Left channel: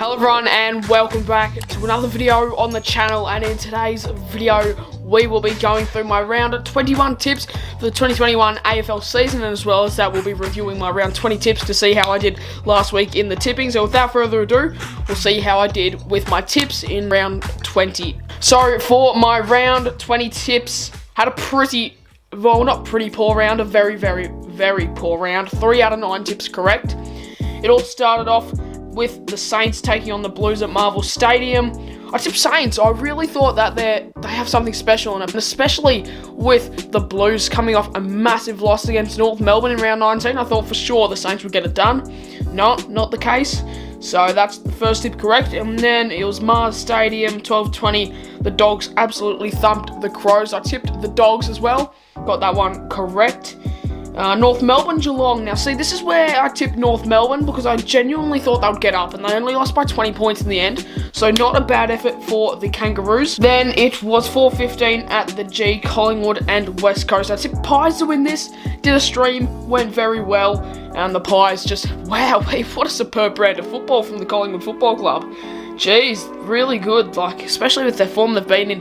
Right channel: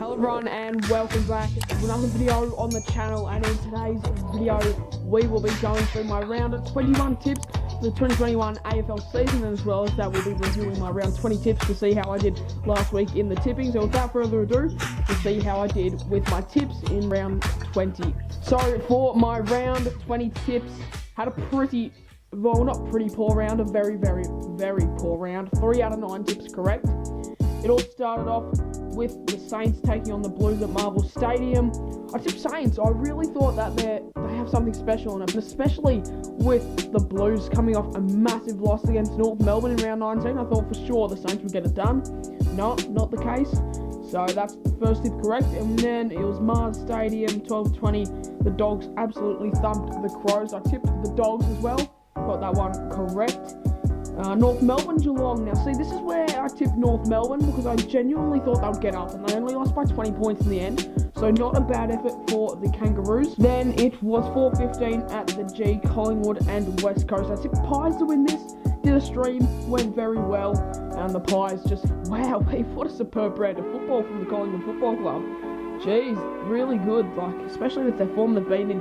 Hello everyone and welcome back to another video on the channel, and in today's video we will be going through my round 21 tips for the 2021 AFL season, and as well as that we'll be reviewing my round 20 tips to see how I did last week in the tipping. So without further ado, we'll see how I did with my tips in round 20. So for my round 20 tips, had a pretty, well, not pretty poor round, a very poor round. 3 out of 9 tips correct. It all started off with the Saints taking on the Blues at Marvel Stadium. I tipped Saints. I really thought that they have something special in it, but especially with the Blues coming off a massive loss against North Melbourne in round 19, I thought for sure the Saints would get it done. No, not the case. So that's the first tip correct. And then it was Mars Stadium, 12-20. The Dogs absolutely thumped the Crows. I tipped the Dogs as well. Got that one correct. North Melbourne, Geelong. Now, see, this is where I tipped North Melbourne because I genuinely thought they would get up, and they only lost by 20 points in the end, so not a bad effort for the Kangaroos. Then it was 4:15 at the G, Collingwood and West Coast. I tipped Pies to win this, did a stream, went very well, and the Pies just, wow, what a superb brand of football from the Collingwood Football Club. Jeez, really good, like, especially with their form they've been in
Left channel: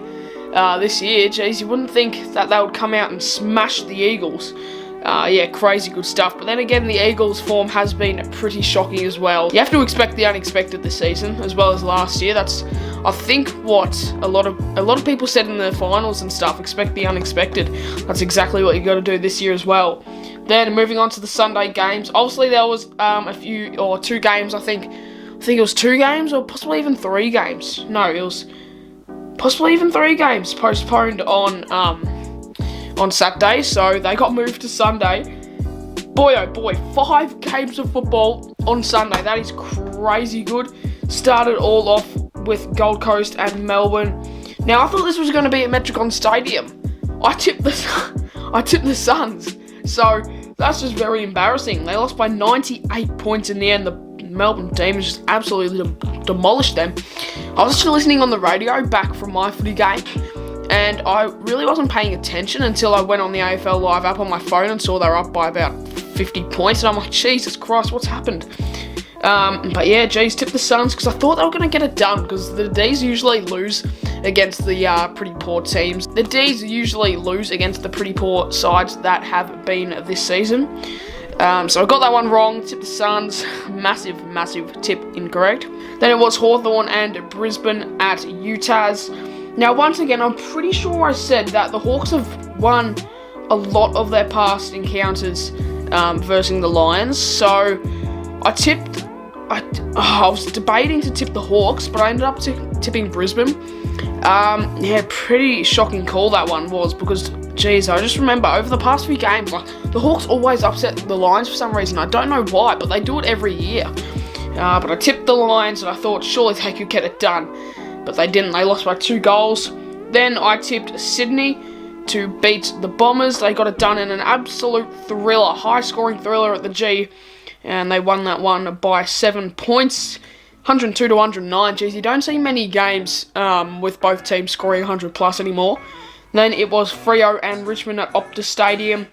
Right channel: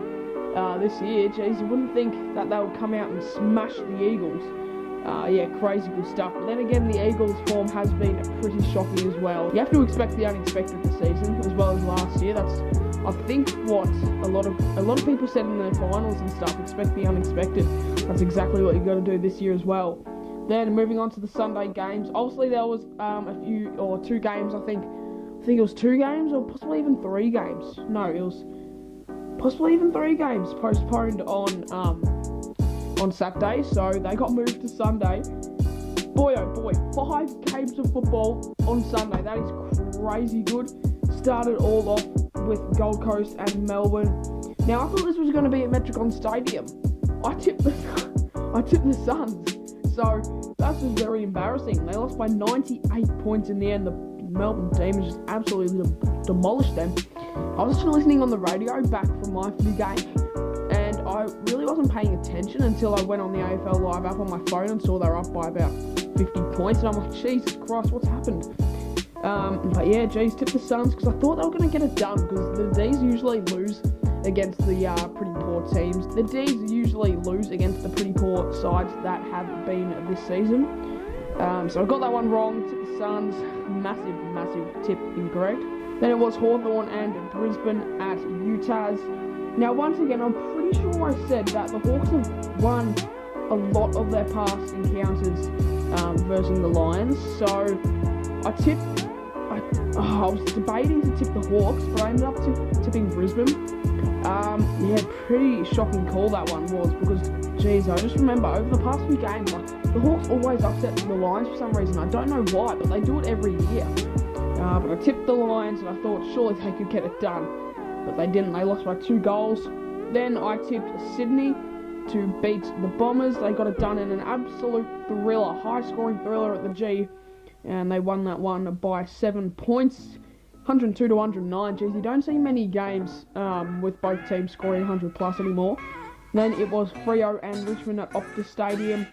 this year. Jeez, you wouldn't think that they would come out and smash the Eagles. Yeah, crazy good stuff. But then again, the Eagles' form has been pretty shocking as well. You have to expect the unexpected this season, as well as last year. That's, I think, what a lot of people said in the finals and stuff. Expect the unexpected. That's exactly what you got to do this year as well. Then moving on to the Sunday games. Obviously, there was a few or 2 games. I think it was 2 games or possibly even 3 games. No, it was possibly even 3 games postponed on Saturday, so they got moved to Sunday. Boy, oh boy, 5 games of football on Sunday. That is crazy good. Started all off with Gold Coast and Melbourne. Now, I thought this was going to be at Metricon Stadium. I tipped the Suns, so that's just very embarrassing. They lost by 98 points in the end. The Melbourne team just absolutely demolished them. I was actually listening on the radio back from my footy game, and I really wasn't paying attention until I went on the AFL Live app on my phone and saw they were up by about 50 points. And I'm like, Jesus Christ, what's happened? But yeah, geez, tip the Suns because I thought they were going to get it done because the Ds usually lose against the pretty poor teams. The Ds usually lose against the pretty poor sides that have been this season. So I got that one wrong. Tip the Suns. Massive tip incorrect. Then it was Hawthorn and Brisbane at Utah's. Now, once again, I'm pretty sure I said that the Hawks have won a lot of their past encounters versus the Lions. So I was debating to tip the Hawks, but I ended up tipping Brisbane. Yeah, pretty shocking call that one was because, geez, I just remember over the past few games, like, the Hawks always upset the Lions for some reason. I don't know why, but they do it every year. But I tipped the Lions and I thought surely they could get it done. But they didn't. They lost by 2 goals. Then I tipped Sydney to beat the Bombers. They got it done in an absolute thriller, high-scoring thriller at the G, and they won that one by 7 points, 102 to 109. Geez, you don't see many games with both teams scoring 100 plus anymore. Then it was Freo and Richmond at Optus Stadium.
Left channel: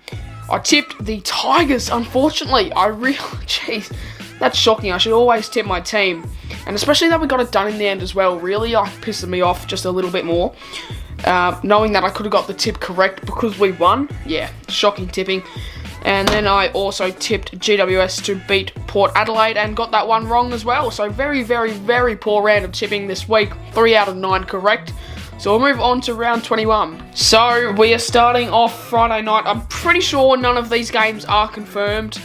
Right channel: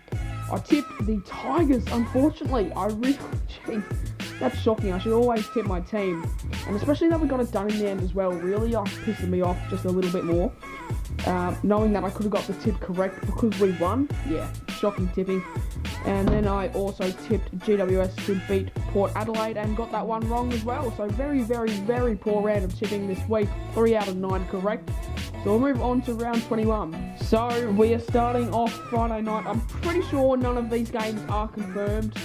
I tipped the Tigers, unfortunately. Jeez, that's shocking. I should always tip my team. And especially that we got it done in the end as well. Really pissed me off just a little bit more. Knowing that I could have got the tip correct because we won. Yeah, shocking tipping. And then I also tipped GWS to beat Port Adelaide and got that one wrong as well. So very poor round of tipping this week. 3 out of 9 correct. So we'll move on to round 21. So we are starting off Friday night. I'm pretty sure none of these games are confirmed.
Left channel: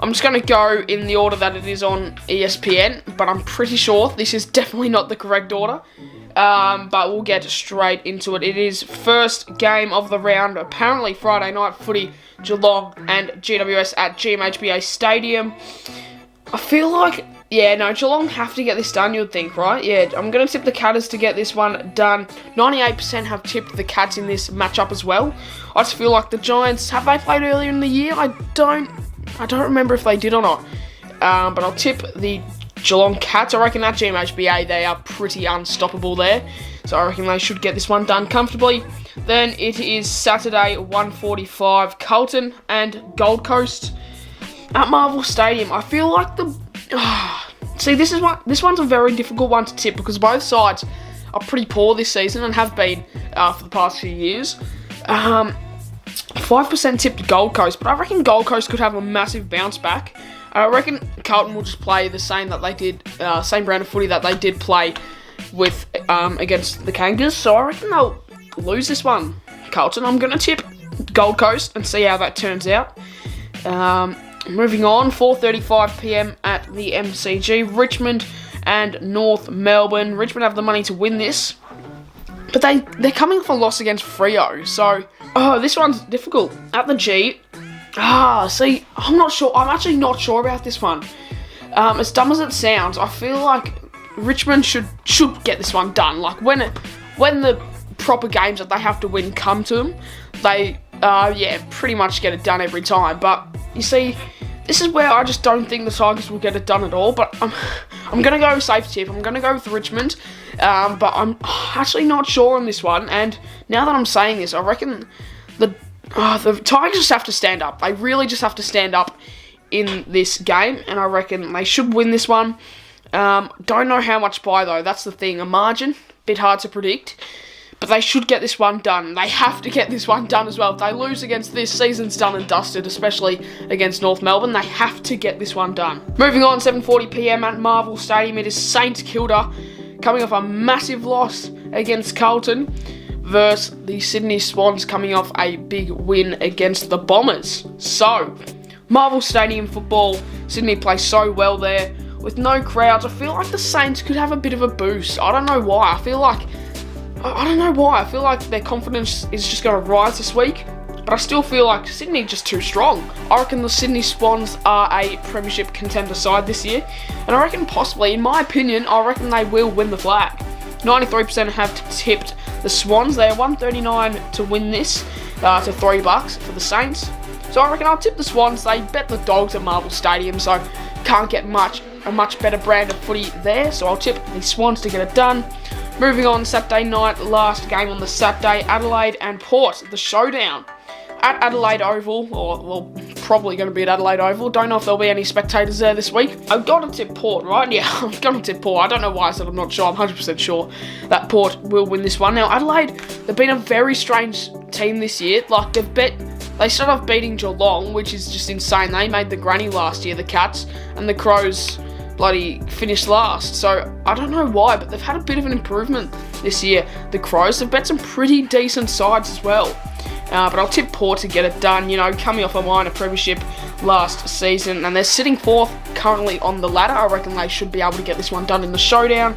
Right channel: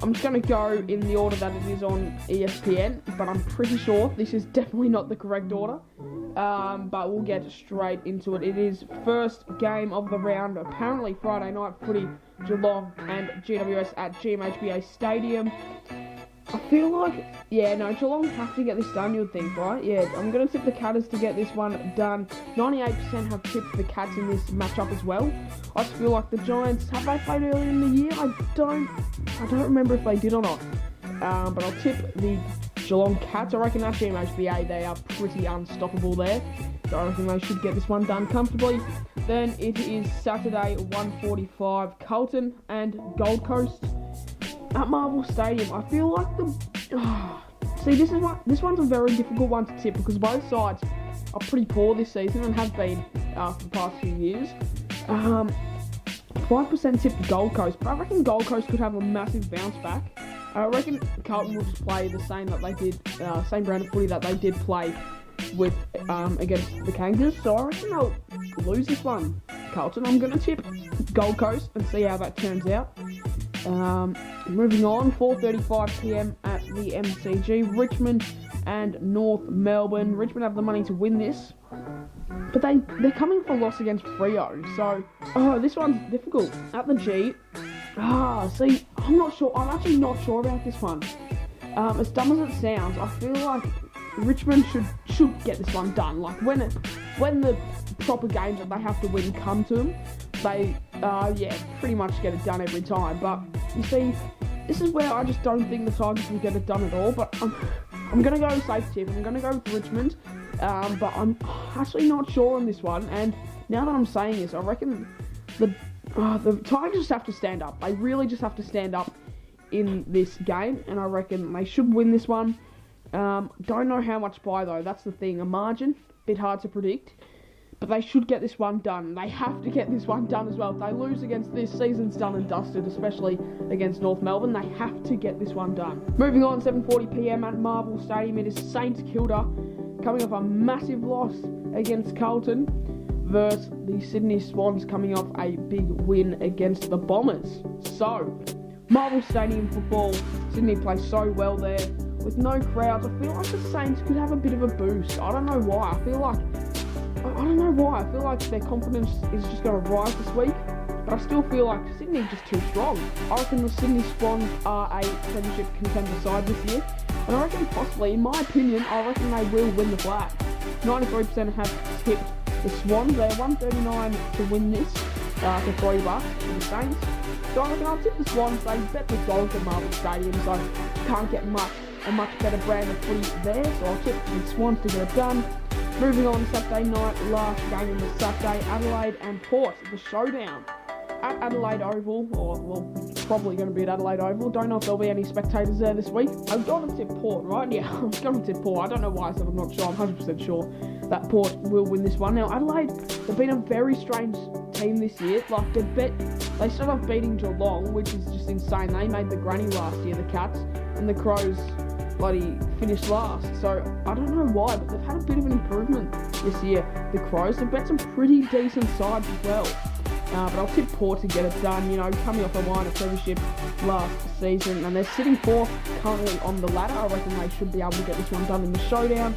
I'm just going to go in the order that it is on ESPN, but I'm pretty sure this is definitely not the correct order. But we'll get straight into it. It is first game of the round, apparently Friday night footy, Geelong and GWS at GMHBA Stadium. I feel like, yeah, no, Geelong have to get this done, you'd think, right? Yeah, I'm going to tip the Catters to get this one done. 98% have tipped the Cats in this matchup as well. I just feel like the Giants, have they played earlier in the year? I don't remember if they did or not. But I'll tip the Geelong Cats. I reckon at GMHBA, they are pretty unstoppable there. So I reckon they should get this one done comfortably. Then it is Saturday, 1:45, Carlton and Gold Coast at Marvel Stadium. I feel like See, this one's a very difficult one to tip because both sides are pretty poor this season and have been for the past few years. 5% tipped Gold Coast, but I reckon Gold Coast could have a massive bounce back. I reckon Carlton will just play the same that they did, same brand of footy that they did play with against the Kangas. So I reckon they'll lose this one. Carlton, I'm going to tip Gold Coast and see how that turns out. Moving on, 4:35 p.m. at the MCG, Richmond and North Melbourne. Richmond have the money to win this, but they're coming off a loss against Freo. So, this one's difficult. At the G, see, I'm not sure. I'm actually not sure about this one. As dumb as it sounds, I feel like Richmond should get this one done. Like when the proper games that they have to win come to them, they pretty much get it done every time. But you see, this is where I just don't think the Tigers will get it done at all. But I'm gonna go safe tip. I'm gonna go with Richmond. But I'm actually not sure on this one. And now that I'm saying this, I reckon the Tigers just have to stand up. They really just have to stand up in this game, and I reckon they should win this one. Don't know how much by though. That's the thing. A margin, bit hard to predict. But they should get this one done. They have to get this one done as well. If they lose against this, season's done and dusted, especially against North Melbourne. They have to get this one done. Moving on, 7:40 p.m. at Marvel Stadium. It is St Kilda coming off a massive loss against Carlton versus the Sydney Swans coming off a big win against the Bombers. So, Marvel Stadium football, Sydney plays so well there. With no crowds, I feel like the Saints could have a bit of a boost. I don't know why. I feel like their confidence is just going to rise this week, but I still feel like Sydney just too strong. I reckon the Sydney Swans are a premiership contender side this year, and I reckon possibly, in my opinion, I reckon they will win the flag. 93% have tipped the Swans. They are 139 to win this, to $3 for the Saints. So I reckon I'll tip the Swans. They bet the Dogs at Marvel Stadium, so can't get a much better brand of footy there. So I'll tip the Swans to get it done. Moving on, Saturday night, last game on the Saturday, Adelaide and Port, the showdown. At Adelaide Oval, or probably going to be at Adelaide Oval. Don't know if there'll be any spectators there this week. I've got to tip Port, right? Yeah, I'm going to tip Port. I don't know why I said I'm not sure. I'm 100% sure that Port will win this one. Now, Adelaide, they've been a very strange team this year. Like, they started off beating Geelong, which is just insane. They made the granny last year, the Cats, and the Crows bloody finished last. So I don't know why, but they've had a bit of an improvement this year. The Crows have bet some pretty decent sides as well. But I'll tip Port to get it done, coming off a minor premiership last season, and they're sitting fourth currently on the ladder. I reckon they should be able to get this one done in the showdown.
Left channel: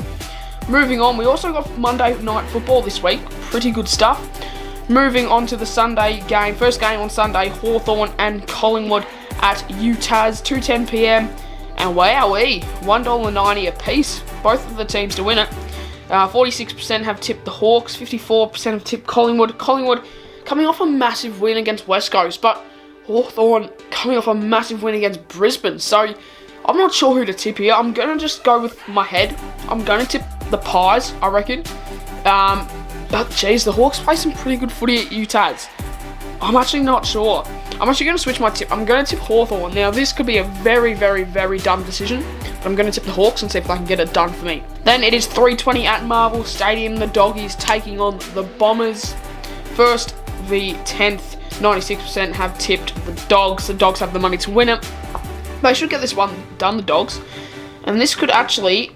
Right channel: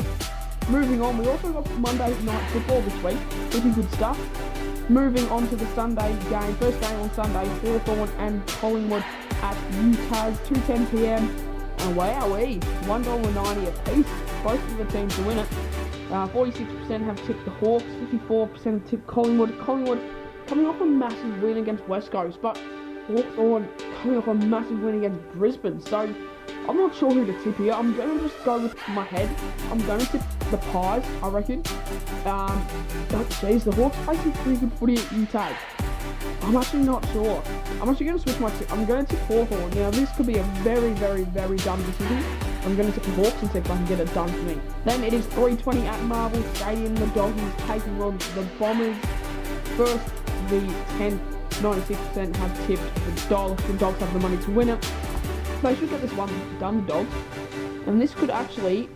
Moving on, we also got Monday night football this week. Pretty good stuff. Moving on to the Sunday game. First game on Sunday, Hawthorn and Collingwood at UTAS, 2:10 p.m. And wowee, $1.90 a piece, both of the teams to win it. 46% have tipped the Hawks, 54% have tipped Collingwood. Collingwood coming off a massive win against West Coast, but Hawthorn coming off a massive win against Brisbane. So I'm not sure who to tip here. I'm going to just go with my head. I'm going to tip the Pies, I reckon. But geez, the Hawks play some pretty good footy at UTAS. I'm actually not sure. I'm actually going to switch my tip. I'm going to tip Hawthorn. Now, this could be a very, very, very dumb decision. But I'm going to tip the Hawks and see if I can get it done for me. Then it is 3:20 at Marvel Stadium. The Doggies taking on the Bombers. First v 10th. 96% have tipped the Dogs. The Dogs have the money to win it. They should get this one done, the Dogs. And this could actually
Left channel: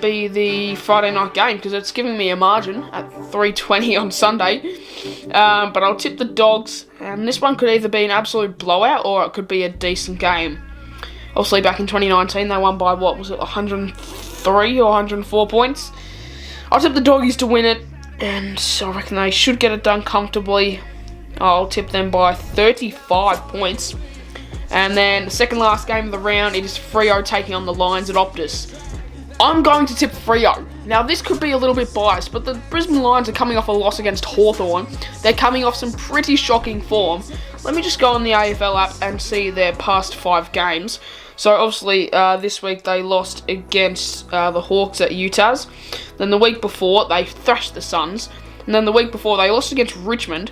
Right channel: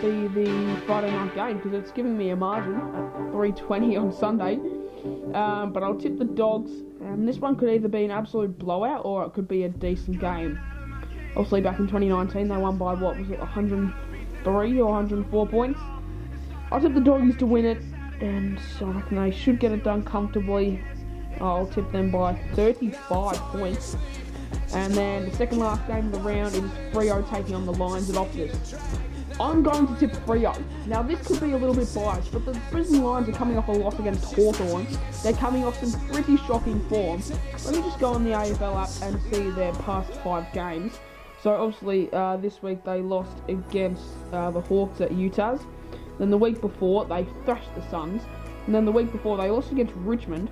be the Friday night game because it's giving me a margin at 3:20 on Sunday. But I'll tip the Dogs, and this one could either be an absolute blowout or it could be a decent game. Obviously, back in 2019, they won by, 103 or 104 points. I'll tip the Doggies to win it, and I reckon they should get it done comfortably. I'll tip them by 35 points. And then the second last game of the round, it is Freo taking on the Lions at Optus. I'm going to tip Freo. Now, this could be a little bit biased, but the Brisbane Lions are coming off a loss against Hawthorn. They're coming off some pretty shocking form. Let me just go on the AFL app and see their past 5 games. So, obviously, this week they lost against the Hawks at UTAS. Then the week before, they thrashed the Suns. And then the week before, they lost against Richmond.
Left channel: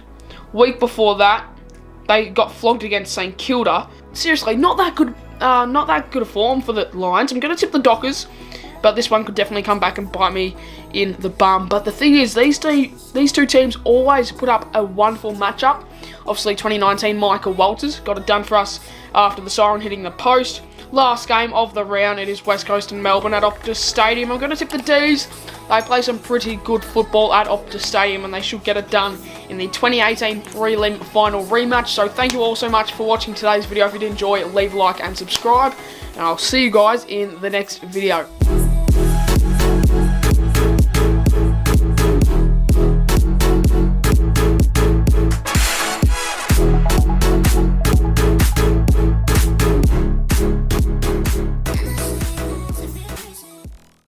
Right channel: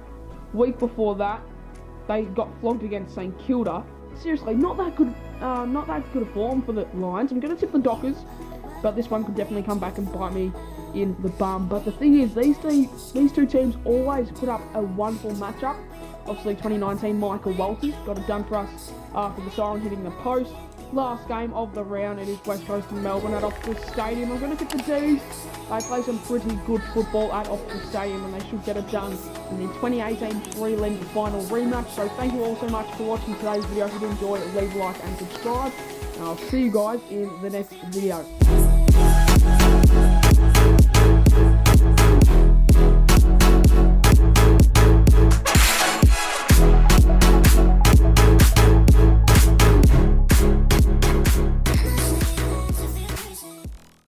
Week before that, they got flogged against St Kilda. Seriously, not that good not that good a form for the Lions. I'm going to tip the Dockers, but this one could definitely come back and bite me in the bum. But the thing is, these two teams always put up a wonderful matchup. Obviously, 2019, Michael Walters got it done for us after the siren hitting the post. Last game of the round, it is West Coast and Melbourne at Optus Stadium. I'm going to tip the D's. They play some pretty good football at Optus Stadium, and they should get it done in the 2018 prelim final rematch. So thank you all so much for watching today's video. If you did enjoy, leave a like and subscribe, and I'll see you guys in the next video.